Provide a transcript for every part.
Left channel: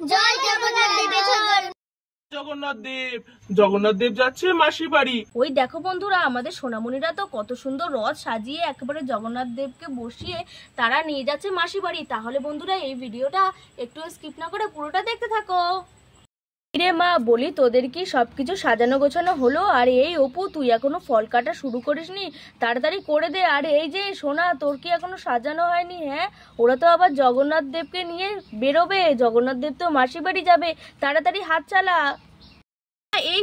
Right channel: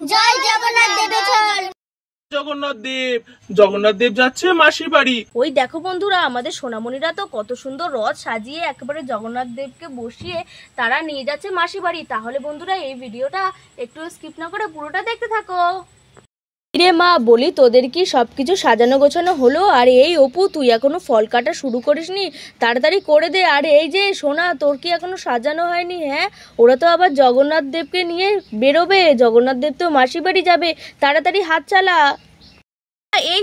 জয় জগন্নাথ দেবে চল। জগন্নাথ দেব যাচ্ছে মাসির বাড়ি। ওই দেখো বন্ধুরা, আমাদের সোনামণিরা তো কত সুন্দর রথ সাজিয়ে একেবারে জগন্নাথ দেবকে বসিয়ে তারা নিয়ে যাচ্ছে মাসির বাড়ি। তাহলে বন্ধুরা এই ভিডিওটা একটু স্কিপ না করে পুরোটা দেখতে থাকো। রে মা, বলি তোদের কি সবকিছু সাজানো গোছানো হলো? আর এই অপু, তুই এখনো ফল কাটা শুরু করিসনি? তাড়াতাড়ি করে দে। আর এই যে সোনা, তোর কি এখনো সাজানো হয়নি? হ্যাঁ, ওরা তো আবার জগন্নাথ দেবকে নিয়ে বেরোবে, জগন্নাথ দেব তো মাসির বাড়ি যাবে, তাড়াতাড়ি হাত চালা। এই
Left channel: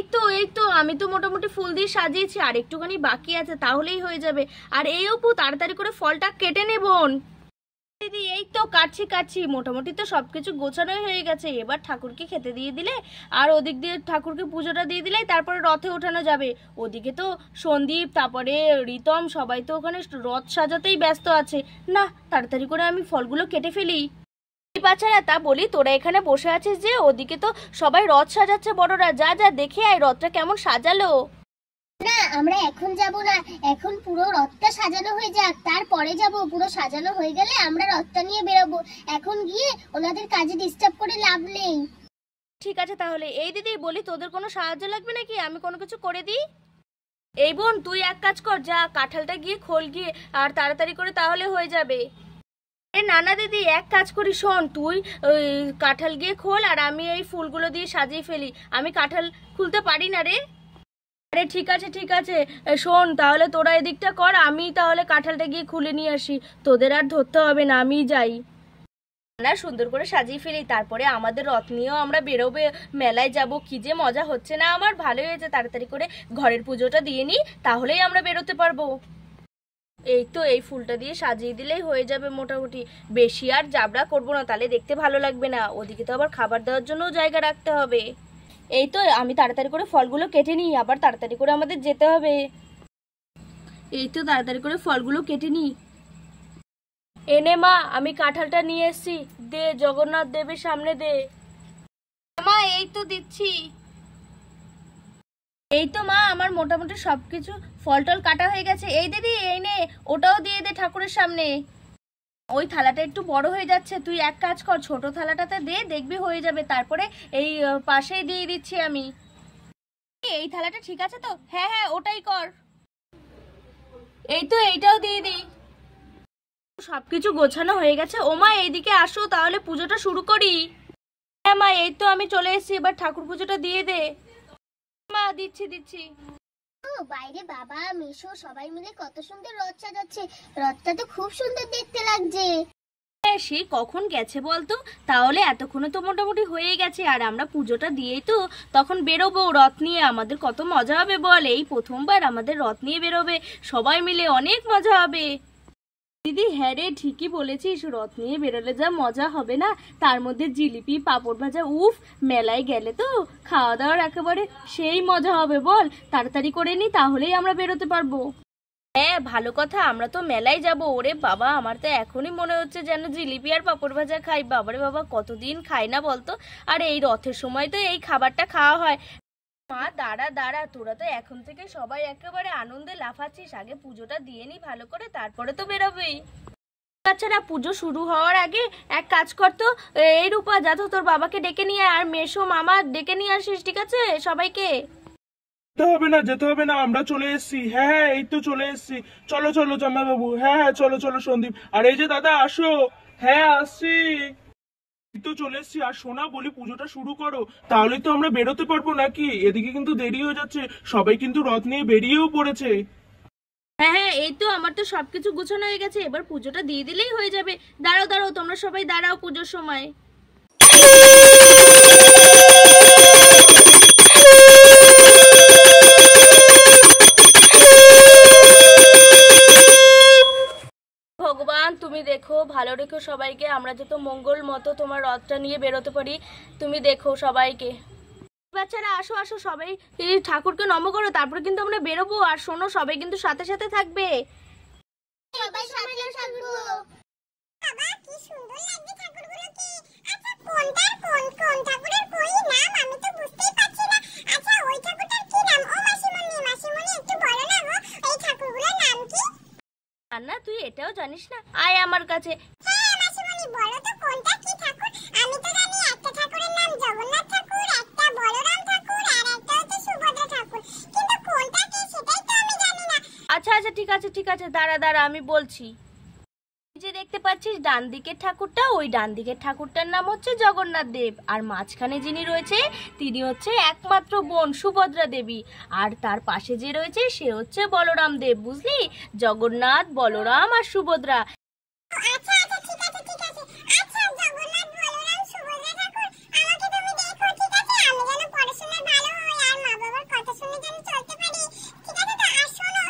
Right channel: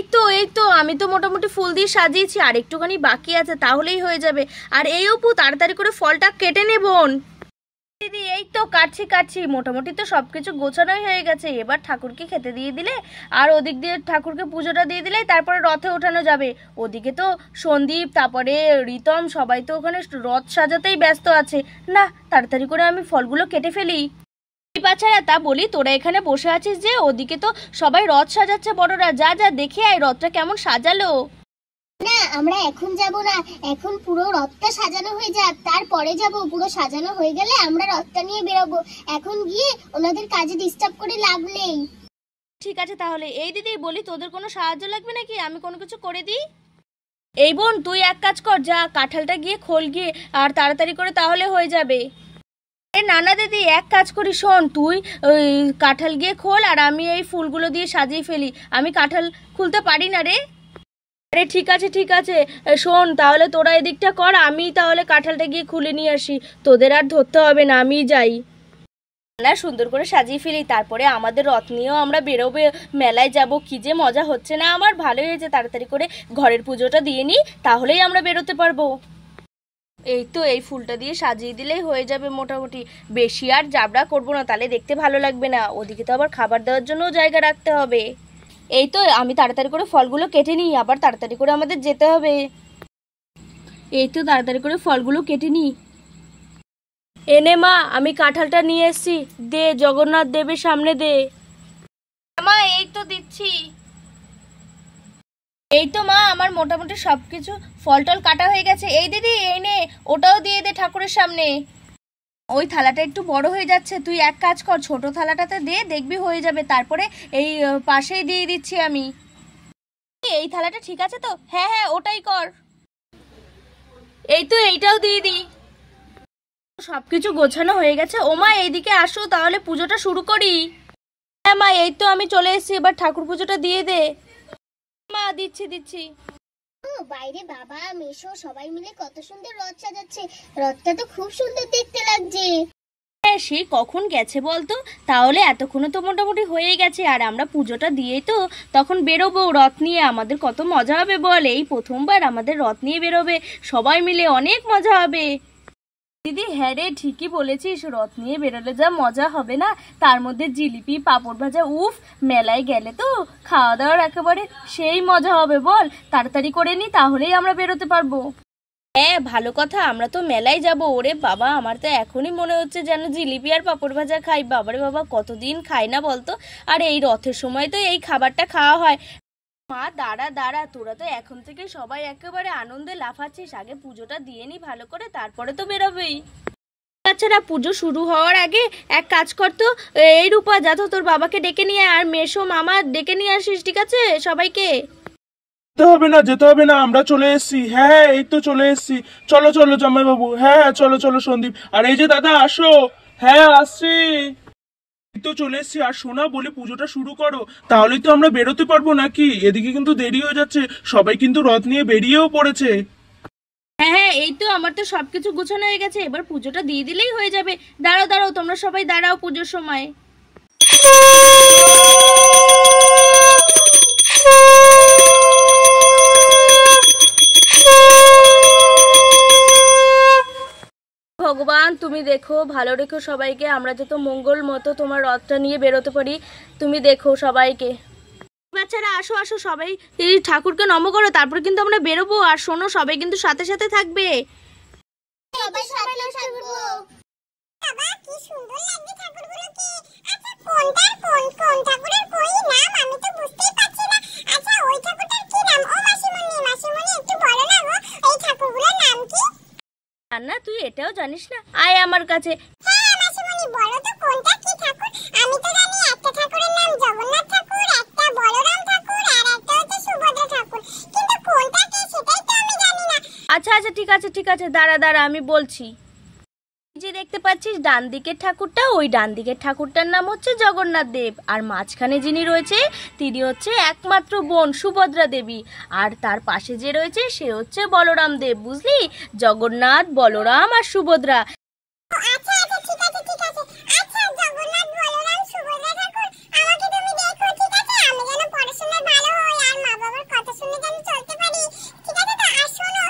তো আমি তো মোটামুটি ফুল দিয়ে সাজিয়েছি, আর একটুখানি বাকি আছে, তাহলেই হয়ে যাবে। আর এই অপু, তাড়াতাড়ি করে ফলটা কেটে নে বোন। দিদি এই তো কাটছি, মোটামুটি তো সবকিছু গোছানোই হয়ে গেছে। এবার ঠাকুরকে খেতে দিয়ে দিলে আর ওদিক দিয়ে ঠাকুরকে পুজোটা দিয়ে দিলেই তারপরে রথে ওঠানো যাবে। ওদিকে তো সন্দীপ, তারপরে রিতম সবাই তো ওখানে রথ সাজাতেই ব্যস্ত আছে। না, তাড়াতাড়ি করে আমি ফলগুলো কেটে ফেলি। বাচ্চারা, তা বলি, তোরা এখানে বসে আছিস যে, ওদিকে তো সবাই রথ সাজাচ্ছে বড়রা, যা যা দেখে আয় রথটা কেমন সাজালো। না, আমরা এখন যাব না, এখন পুরো রথটা সাজানো হয়ে যাক, তারপরে যাব। পুরো সাজানো হয়ে গেলে আমরা রথটা নিয়ে বেরোবো। এখন গিয়ে ওনাদের কাজে ডিস্টার্ব করে লাভ নেই। ঠিক আছে তাহলে। এই দিদি বলি, তোদের কোনো সাহায্য লাগবে নাকি? আমি কোনো কিছু করে দিই? এই বোন, তুই এক কাজ কর, যা কাঁঠালটা গিয়ে খোল গিয়ে, আর তাড়াতাড়ি করে তাহলে হয়ে যাবে। না দিদি, এক কাজ করি, শোন, তুই ওই কাঁঠাল গিয়ে খোল আর আমি এই ফুলগুলো দিয়ে সাজিয়ে ফেলি। আমি কাঁঠাল খুলতে পারি না রে। আরে ঠিক আছে, শোন, তাহলে তোরা এদিকটা কর, আমি তাহলে কাঁঠালটা গিয়ে খুলে নিয়ে আসি। তোদের আর ধরতে হবে না, আমি যাই। না, সুন্দর করে সাজিয়ে ফেলি, তারপরে আমাদের রথ নিয়েও আমরা বেরোবে, মেলায় যাব। কি যে মজা হচ্ছে না আমার, ভালোই হয়েছে। তাড়াতাড়ি করে ঘরের পুজোটা দিয়ে নিই, তাহলেই আমরা বেরোতে পারবো। এই তো, এই ফুলটা দিয়ে সাজিয়ে দিলেই হয়ে যাবে মোটামুটি। বেশি আর জাবড়া করবো না, তাহলে দেখতে ভালো লাগবে না। ওদিকে তো আবার খাবার দেওয়ার জন্যও জায়গা রাখতে হবে। এই তো, আমি তাড়াতাড়ি করে ফলগুলো কেটে নিই, আবার তাড়াতাড়ি করে আমাদের যেতে হবে। এই তো, তাড়াতাড়ি করে ফলগুলো কেটে নিই। এনে মা, আমি কাঁঠালটা নিয়ে এসেছি, দে, জগন্নাথ দেবের সামনে দে। মা, এই তো দিচ্ছি। এই তো মা, আমার মোটামুটি সবকিছু ফল টল কাটা হয়ে গেছে। এই দিদি, এই নে, ওটাও দিয়ে দে ঠাকুরের সামনে। ওই থালাটা একটু বড় হয়ে যাচ্ছে, তুই এক কাজ কর, ছোট থালাটাতে দে, দেখবি হয়ে যাবে। তারপরে এই পাশেই দিয়ে দিচ্ছি আমি। এই থালাটা ঠিক আছে তো? হ্যাঁ, ওটাই কর। এই তো, এইটাও দিয়ে দিই। সবকিছু গোছানো হয়ে গেছে। ও মা, এইদিকে আসো, তাহলে পুজোটা শুরু করি। হ্যাঁ মা, এই তো আমি চলে এসেছি, এবার ঠাকুর পুজোটা দিয়ে দে। মা, দিচ্ছি। বাইরে বাবা মেশো সবাই মিলে কত সুন্দর রথ সাজাচ্ছে। রথটা তো খুব সুন্দর দেখতে লাগছে। হ্যাঁ, সে কখন গেছে বলতো? তাহলে এতক্ষণে তো মোটামুটি হয়ে গেছে, আর আমরা পুজোটা দিয়ে তো তখন বেরোবো রথ নিয়ে। আমাদের কত মজা হবে বল, এই প্রথমবার আমাদের রথ নিয়ে বেরোবে সবাই মিলে, অনেক মজা হবে। দিদি হ্যাঁ রে, ঠিকই বলেছিস, রথ নিয়ে বেরোলে যা মজা হবে না, তার মধ্যে জিলিপি পাঁপড় ভাজা, উফ, মেলায় গেলে তো খাওয়া দাওয়ার একেবারে সেই মজা হবে বল। তাড়াতাড়ি করে নি, তাহলেই আমরা বেরোতে পারবো। হ্যাঁ, ভালো কথা, আমরা তো মেলায় যাব। ওরে বাবা, আমার তো এখনই মনে হচ্ছে যেন জিলিপি আর পাঁপড় ভাজা খাই। বাবারে বাবা, কতদিন খাই না বলতো। আর এই রথের সময় তো এই খাবারটা খাওয়া হয়। মা, দাঁড়া, তোরা তো এখন থেকে সবাই একেবারে আনন্দে লাফাচ্ছিস। আগে পুজোটা দিয়ে নি ভালো করে, তারপরে তো বেরোবেই। বাচ্চারা, পুজো শুরু হওয়ার আগে এক কাজ করতো, এই রূপা, যা তো তোর বাবাকে ডেকে নিয়ে আর মেশো মামা ডেকে নিয়ে আসিস, ঠিক আছে সবাইকে? যেতে হবে না, আমরা চলে এসেছি। হ্যাঁ, এই তো চলে এসেছি। চলো জামাই বাবু। হ্যাঁ, চলো সন্দীপ। আর এই যে দাদা, আসো। হ্যাঁ, আসছি, তো চলে এসেছি। আর শোনা, বলি পুজোটা শুরু করো, তাহলেই তো আমরা বেরোতে পারবো নাকি। এদিকে কিন্তু দেরি হয়ে যাচ্ছে, সবাই কিন্তু রথ নিয়ে বেরিয়েও পড়েছে। হ্যাঁ, এই তো আমার তো সবকিছু গোছানো হয়ে গেছে, এবার পুজোটা দিয়ে দিলেই হয়ে যাবে। দাঁড়াও, তোমরা সবাই দাঁড়াও পুজোর সময়। ভগবান, তুমি দেখো, ভালো রেখো সবাইকে, আমরা যত মঙ্গল মতো তোমার রথটা নিয়ে বেরোতে পারি। তুমি দেখো সবাইকে। বাচ্চারা, আসো সবাই, এই ঠাকুরকে নম করো, তারপর কিন্তু আমরা বেরোবো। আর শোনো, সবাই কিন্তু সাথে সাথে থাকবে। সবাই সাথে থাকবো। বাবা, কি সুন্দর লাগছে ঠাকুরগুলোকে। আচ্ছা, কোনটার কোন ঠাকুরের কই নাম আমি তো বুঝতেই পারছি না। আচ্ছা, ওই ঠাকুরটার কি নাম? ও মাসিমণি একটু বলো না গো, এই ঠাকুরগুলোর নাম কি? না, তুই এটাও জানিস না? আয় আমার কাছে। হ্যাঁ মাসিমণি, বলো তো কোনটা কি ঠাকুর? আমি তো জানি একটা ঠাকুরের আচ্ছা আচ্ছা ঠিক আছে দাঁড়া দাঁড়া আমি বলছি। যে দেখতে পাচ্ছিস ডান দিকের ঠাকুরটা, ওই ডান দিকের ঠাকুরটার নাম হচ্ছে জগন্নাথ দেব, আর মাঝখানে যিনি রয়েছে তিনি হচ্ছে একমাত্র বোন সুভদ্রা দেবী, আর তার পাশে যে রয়েছে সে হচ্ছে বলরাম দেব, বুঝলি? জগন্নাথ, বলরাম আর সুভদ্রা। আচ্ছা আচ্ছা ঠিক আছে ঠিক আছে। আচ্ছা জগন্নাথ বলরাম সুভদ্রা ঠাকুর আমাকে তুমি দেখো, ঠিক আছে? আমি যেন পড়াশোনায় ভালো হই আর মা বাবার কথা শুনে যেন চলতে পারি, ঠিক আছে? তো আর শোনো,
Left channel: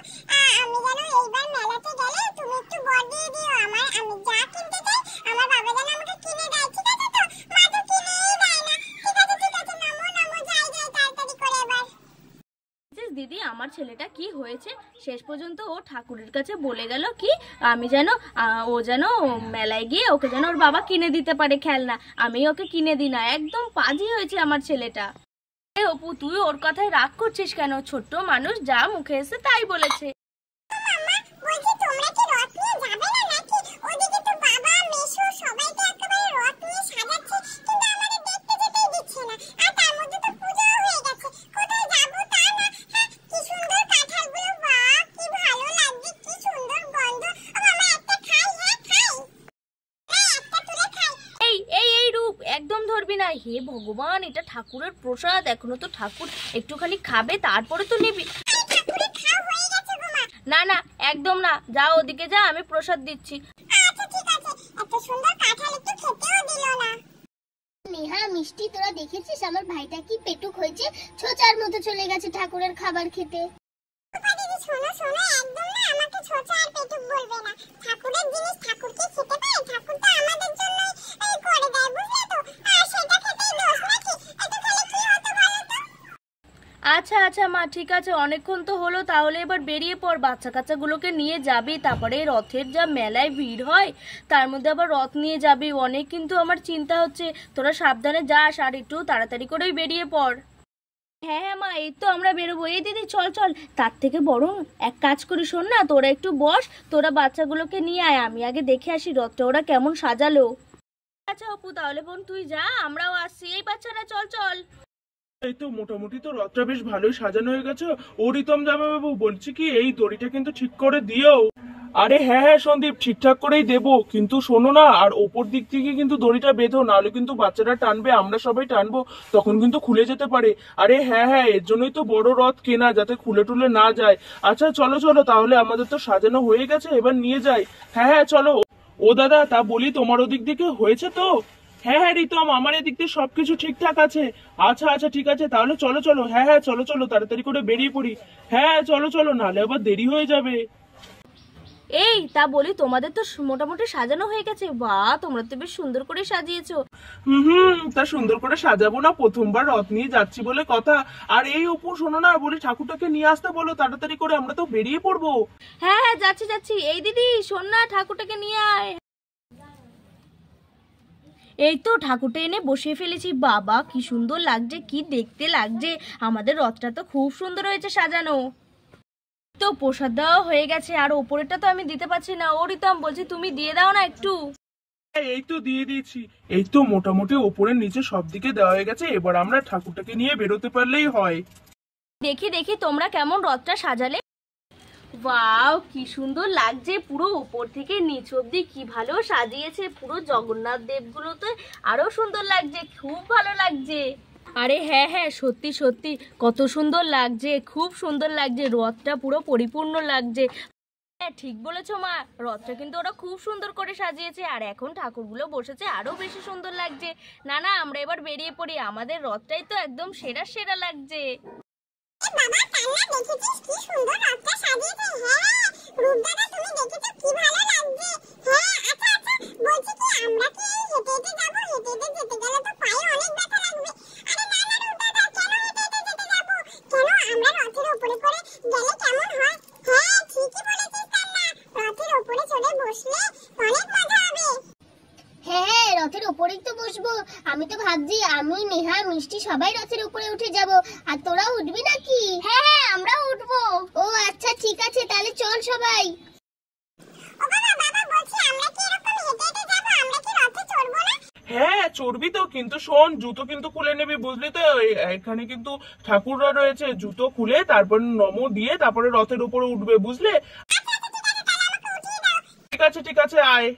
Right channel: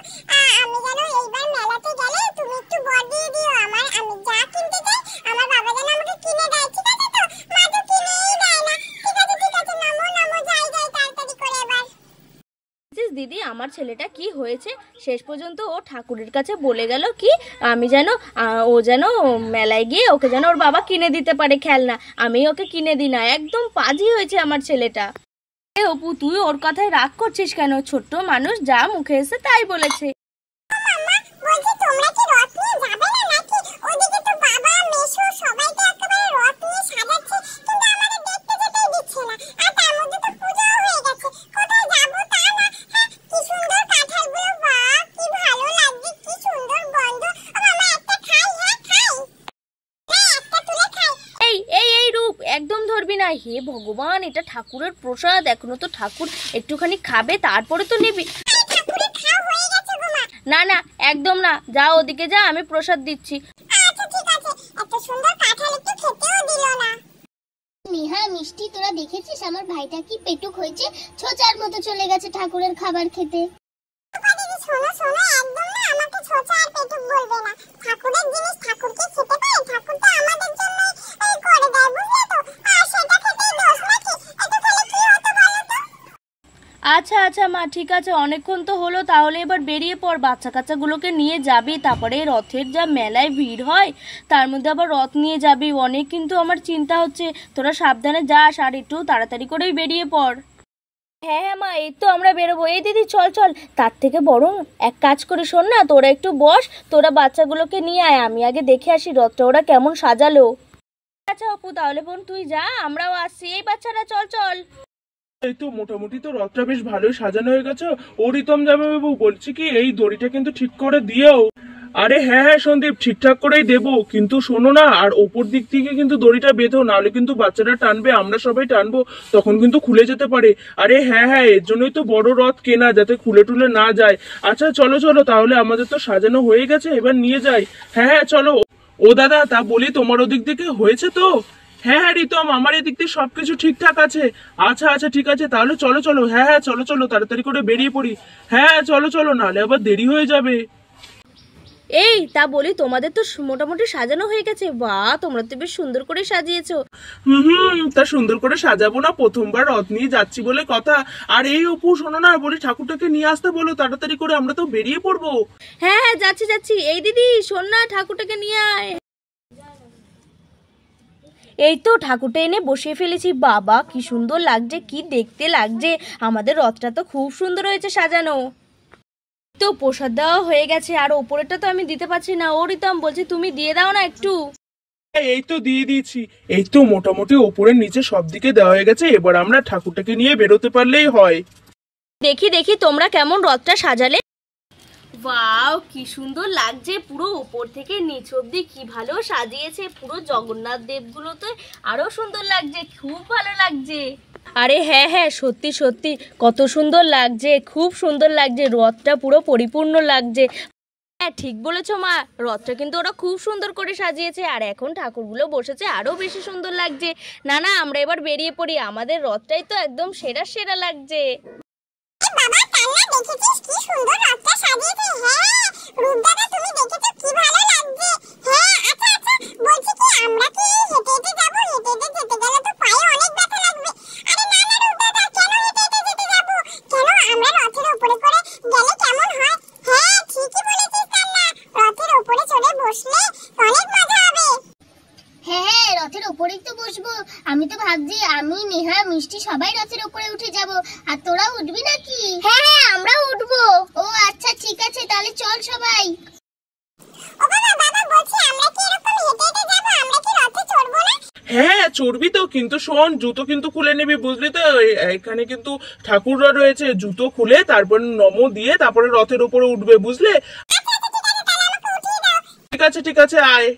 আমি যেন এইবার মেলাতে গেলে তুমি একটু বর দিয়ে দিও আমার, আমি যা কিনতে চাই আমার বাবা যেন আমাকে কিনে দেয়, ঠিক আছে? তো মা তো কিনেই দেয় না, ঠিক আছে ঠিক আছে, নামো নামো, যাই যাই তাড়াতাড়ি করে এবার। দিদি আমার ছেলেটা কি হয়েছে, শেষ পর্যন্ত ও ঠাকুরের কাছে বলে গেল কি আমি যেন ও যেন মেলায় গিয়ে ওকে যেন ওর বাবা কিনে দিতে পারে খেলনা, আমি ওকে কিনে দিই না। একদম পাজি হয়েছে আমার ছেলেটা। এ অপু, তুই ওর কথায় রাগ করছিস কেন? ছোট্ট মানুষ, যা মুখে এসে তাই বলেছে। মাম্মা বলছি তোমরা কি রথ নিয়ে যাবে না নাকি? ওদিকে তো বাবা মেশো সবাই তো একেবারে রথ নিয়ে সাজাচ্ছে, কিন্তু আমাদের দেখতে যেতেই দিচ্ছে না। আর তার মধ্যে তো পূজাও হয়ে গেছে, কোথায় যাবো তা না। হ্যাঁ কি সুন্দর কাঁঠালগুলো, বাহ কি ভালো লাগছে, কি সুন্দর গন্ধ। ও মামা একটা খাই? হ্যাঁ খাই, হ্যাঁ একটা তুলে খাই। এই এই এই রূপ, একদম ধরবি না। হে ভগবান, এটা ঠাকুরের প্রসাদ, এখনো তো ঠাকুর একটুখানি খাবে তারপরে তো নিবি। ঠাকুরের খাওয়া হয়ে গেছে গো মা। না না একদম না, যা ওদিকে যা, আমি প্রসাদ দিচ্ছি। আচ্ছা ঠিক আছে, এত সুন্দর কাঁঠাল একটু খেতেও দিল না। নেহা মিষ্টি, তোরা দেখেছিস আমার ভাইটা কি পেটুক হয়েছে, ছোচার মতো চলে গেছে ঠাকুরের খাবার খেতে। দিদি শোনো শোনো, একদম না আমাকে ছোচা আর পেটুক বলবে না। ঠাকুরের জিনিস ঠাকুরকে খেতে পারে, ঠাকুর তো আমাদের জন্য করে দেয়, বুঝলে তো? আর সেটা খেতেই দোষ নাকি? এত খেলে কি হতো বলো তো? আচ্ছা আচ্ছা মা, ঠিক আছে, অনেকক্ষণ তো হলো, তাহলে এবার বেরিয়ে পড়। বাচ্চা কাচ্চাগুলোকে নিয়ে যাবি, তারপরে রথের যা মেলায় ভিড় হয়, তার মধ্যে আবার রথ নিয়ে যাবি, অনেক কিন্তু আমার চিন্তা হচ্ছে। তোরা সাবধানে যাস আর একটু তাড়াতাড়ি করেই বেরিয়ে পড়। হ্যাঁ হ্যাঁ মা, এই তো আমরা বেরোবো। এই দিদি চল চল, তার থেকে বরং এক কাজ করি, শোন না, তোরা একটু বস, তোরা বাচ্চাগুলোকে নিয়ে আয়, আমি আগে দেখে আসি রথটা ওরা কেমন সাজালো। আচ্ছা অপু, তাহলে বোন তুই যা, আমরাও আসছি। এই বাচ্চারা চল চল। এই তো মোটামুটি তো রথটা বেশ ভালোই সাজানো হয়ে গেছে। ও রিতম জামাইবাবু, বলছি কি এই দড়িটা কিন্তু ঠিক করে দিও। আরে হ্যাঁ হ্যাঁ সন্দীপ, ঠিকঠাক করেই দেবো, কিন্তু শোনো না, আর ওপর দিক থেকে কিন্তু দড়িটা বেঁধো, নাহলে কিন্তু বাচ্চারা টানবে, আমরা সবাই টানবো, তখন কিন্তু খুলে যেতে পারে। আরে হ্যাঁ হ্যাঁ, এর জন্যই তো বড় রথ কেনা, যাতে খুলে টুলে না যায়। আচ্ছা চলো চলো, তাহলে আমাদের তো সাজানো হয়ে গেছে, এবার নিয়ে যাই। হ্যাঁ হ্যাঁ চলো। ও দাদা, তা বলি তোমার ওদিক থেকে হয়েছে তো? হ্যাঁ হ্যাঁ রিতম, আমার এদিক দিয়ে সবকিছু ঠিকঠাক আছে। আচ্ছা আচ্ছা ঠিক আছে, তাহলে চলো চলো। হ্যাঁ হ্যাঁ চলো চলো, তাড়াতাড়ি করে বেরিয়ে পড়ি। হ্যাঁ চলো চলো, নাহলে আবার দেরি হয়ে যাবে। এই তা বলি, তোমাদের তো মোটামুটি সাজানো হয়ে গেছে। বাহ, তোমরা তো বেশ সুন্দর করে সাজিয়েছো। তা সুন্দর করে সাজাবো না? প্রথমবার রথ নিয়ে যাচ্ছি বলে কথা। আর এই অপু শোনো না, বলি ঠাকুরটাকে নিয়ে আসতে বলো তাড়াতাড়ি করে, আমরা তো বেরিয়ে পড়বো। হ্যাঁ হ্যাঁ যাচ্ছি যাচ্ছি। এই দিদি শোন না, ঠাকুরটাকে নিয়ে আয়। এই তো ঠাকুরটা এনে বসিয়ে ফেলেছি। বাবা কি সুন্দর লাগছে, কি দেখতে লাগছে। আমাদের রথটা তো খুব সুন্দর হয়েছে সাজানো। তো প্রসাদ দেওয়া হয়ে গেছে, আর ওপরেরটা তো আমি দিতে পারছি না। ও রিতম, বলছি তুমি দিয়ে দাও না একটু। এই তো দিয়ে দিয়েছি। এই তো মোটামুটি ওপরের নিচে সব দিকে দেওয়া হয়ে গেছে, এবার আমরা ঠাকুরটাকে নিয়ে বেরোতে পারলেই হয়। দেখি দেখি তোমরা কেমন রথটা সাজালে। ওয়াও কি সুন্দর লাগছে, পুরো উপর থেকে নিচ অব্দি কি ভালো সাজিয়েছে। পুরো জগন্নাথ দেবগুলো তো আরো সুন্দর লাগছে, খুব ভালো লাগছে। আরে হ্যাঁ হ্যাঁ, সত্যি সত্যি কত সুন্দর লাগছে, খুব সুন্দর লাগছে, রথটা পুরো পরিপূর্ণ লাগছে। হ্যাঁ ঠিক বলেছো মা, রথটা কিন্তু ওরা খুব সুন্দর করে সাজিয়েছে, আর এখন ঠাকুরগুলো বসেছে আরো বেশি সুন্দর লাগছে। না না, আমরা এবার বেরিয়ে পড়ি, আমাদের রথটাই তো একদম সেরা সেরা লাগছে। বাবা কান্না, দেখেছিস কি সুন্দর রথটা সাজিয়েছে? হ্যাঁ রূপ দাদা, তুমি দেখেছো কি ভালো লাগছে? হ্যাঁ আচ্ছা আচ্ছা, বলছি কি আমরা কি হেঁটে হেঁটে যাবো? হেঁটে হেঁটে যেতে গেলে তো পায়ে অনেক ব্যথা লাগবে। আরে না না রূপ দাদা, কেন হেঁটে হেঁটে যেতে যাবো? কেন, আমরা রথের উপরে করে গেলে কেমন হয়? হ্যাঁ ঠিকই বলেছিস কান্না, রথের উপরে চড়ে বসলে অনেক মজা হবে। হ্যাঁ হ্যাঁ, রথের উপরেই তো বসবো। আমি তো ভাবছি আমি, নেহা, মিষ্টি সবাই রথের উপরে উঠে যাব। আর তোরা উঠবি নাকি? হ্যাঁ হ্যাঁ আমরাও উঠবো। ও আচ্ছা ঠিক আছে, তাহলে চল সবাই। ও বাবা বাবা, বলছি আমরা কি এরকম হেঁটে হেঁটে যাবো? আমরা কি রথে চড়বো না? হ্যাঁ চড়বি তো, কিন্তু শোন জুতো কিন্তু খুলে নিবি বুঝলি তো, এখানে কিন্তু ঠাকুররা রয়েছে, জুতো খুলে তারপরে নমো দিয়ে তারপরে রথের উপরে উঠবে বুঝলে। ঠিক আছে ঠিক আছে আয়।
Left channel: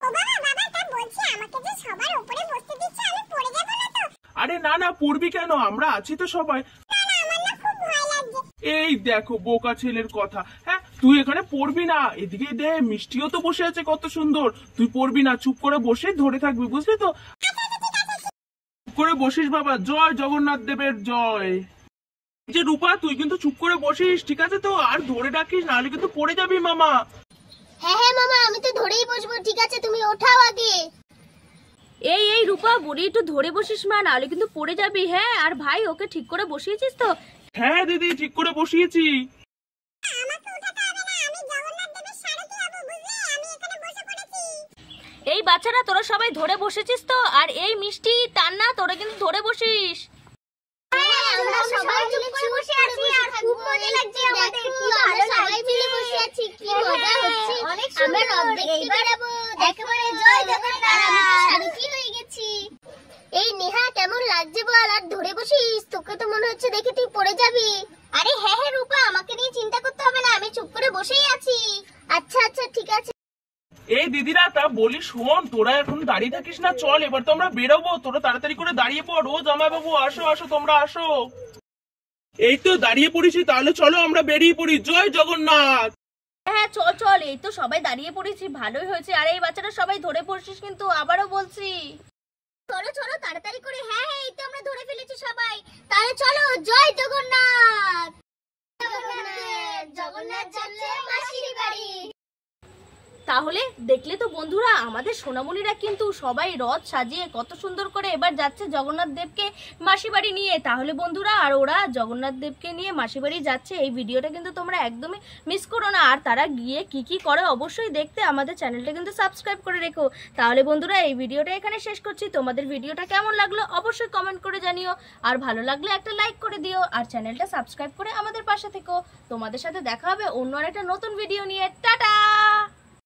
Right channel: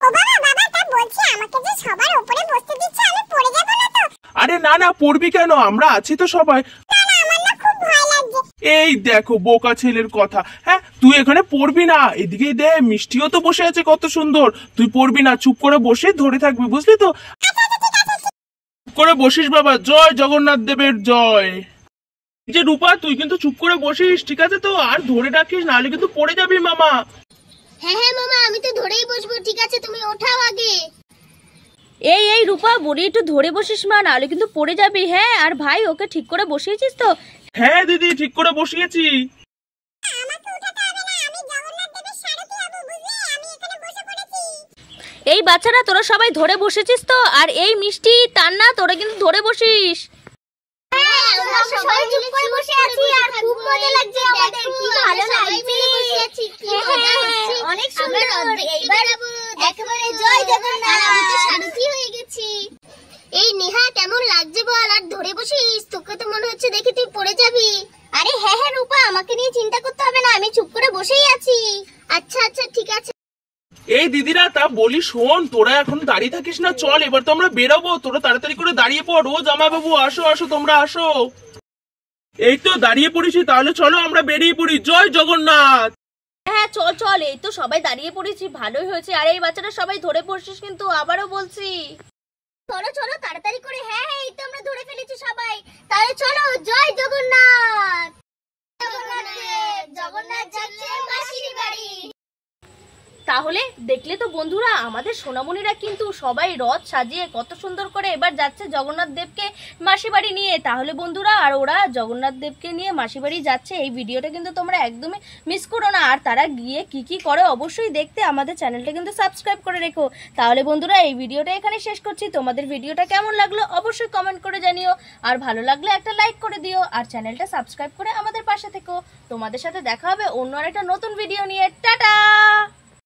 ও বাবা বাবা, তা বলছি আমাকে যে সবার উপরে বসতে দিচ্ছে, আমি পড়ে যাব না তো? আরে না না পড়বি কেন, আমরা আছি তো সবাই। না না, আমার না খুব ভয় লাগছে। এই দেখো বোকা ছেলের কথা, হ্যাঁ তুই এখানে পড়বি না, এদিকে দে মিষ্টিও তো বসে আছে কত সুন্দর, তুই পড়বি না, চুপ করে বসে ধরে থাকবি বুঝলি তো। চুপ করে বসিস বাবা, জয় জগন্নাথ দেবের জয়। এই যে রূপা তুই কিন্তু চুপ করে বসিস ঠিক আছে তো, আর ধরে রাখিস নাহলে কিন্তু পড়ে যাবি মামা। হ্যাঁ হ্যাঁ মামা, আমি তো ধরেই বসবো। ঠিক আছে, তুমি ওঠাও আগে। এই রূপা বলি একটু ধরে বসিস মা, নাহলে কিন্তু পড়ে যাবি। হ্যাঁ আর ভাই ওকে ঠিক করে বসিয়েছিস তো? হ্যাঁ দিদি ঠিক করে বসিয়েছি। আমাকে উঠাতে হবে না, আমি জগন্নাথ দেবের সারথি হব বুঝলি, আমি এখানে বসে পড়েছি। এই বাচ্চারা তোরা সবাই ধরে বসেছিস তো? আর এই মিষ্টি টান্না তোরা কিন্তু ধরে বসিস। হ্যাঁ, আমরা সবাই চুপ করে বসে আছি আর খুব মজা লাগছে আমাদের। কি ভালো লাগছে, কি মজা হচ্ছে, অনেক সুন্দর। এইবার একেবারে জয় জগন্নাথ, আমি তো সারথি হয়ে গেছি। এই নেহা কেমন লাগছে বল, আর ধরে বসিস, তোকে তো মনে হচ্ছে দেখে তুই পড়ে যাবি। আরে হ্যাঁ হ্যাঁ রূপা, আমাকে নিয়ে চিন্তা করতে হবে না, আমি চুপ করে বসেই আছি। আচ্ছা আচ্ছা ঠিক আছে। এই দিদিরা তা বলি শোন, তোরা এখন দাঁড়িয়ে থাকিস না, চল এবার তো আমরা বেরোবো, তোরা তাড়াতাড়ি করে দাঁড়িয়ে পড়। ও জামাই বাবু আসো আসো, তোমরা আসো। এই তো দাঁড়িয়ে পড়েছি, তাহলে চলো আমরা বেরিয়ে পড়ি। জয় জগন্নাথ। হ্যাঁ চল চল, এই তো সবাই দাঁড়িয়ে পড়েছি, ভালোই হয়েছে। আর এই বাচ্চারা সবাই ধরে পড়ছিস কিন্তু, আবারও বলছি। চলো চলো তাড়াতাড়ি করে। হ্যাঁ হ্যাঁ, এই তো আমরা ধরে ফেলেছি সবাই। তাহলে চলো, জয় জগন্নাথ। জগন্নাথ যাচ্ছে মাসির বাড়ি। তাহলে দেখলে তো বন্ধুরা, আমাদের সোনামণিরা কিন্তু সবাই রথ সাজিয়ে কত সুন্দর করে এবার যাচ্ছে জগন্নাথ দেবকে মাসি বাড়ি নিয়ে। তাহলে বন্ধুরা, আর ওরা জগন্নাথ দেবকে নিয়ে মাসি বাড়ি যাচ্ছে, এই ভিডিওটা কিন্তু তোমরা একদমই মিস করো না। আর তারা গিয়ে কি কি করে অবশ্যই দেখতে আমাদের চ্যানেলটা কিন্তু সাবস্ক্রাইব করে রেখো। তাহলে বন্ধুরা, এই ভিডিওটা এখানে শেষ করছি। তোমাদের ভিডিওটা কেমন লাগলো অবশ্যই কমেন্ট করে জানিও, আর ভালো লাগলে একটা লাইক করে দিও, আর চ্যানেলটা সাবস্ক্রাইব করে আমাদের পাশে থেকো। তোমাদের সাথে দেখা হবে অন্য আরেকটা নতুন ভিডিও নিয়ে। টাটা।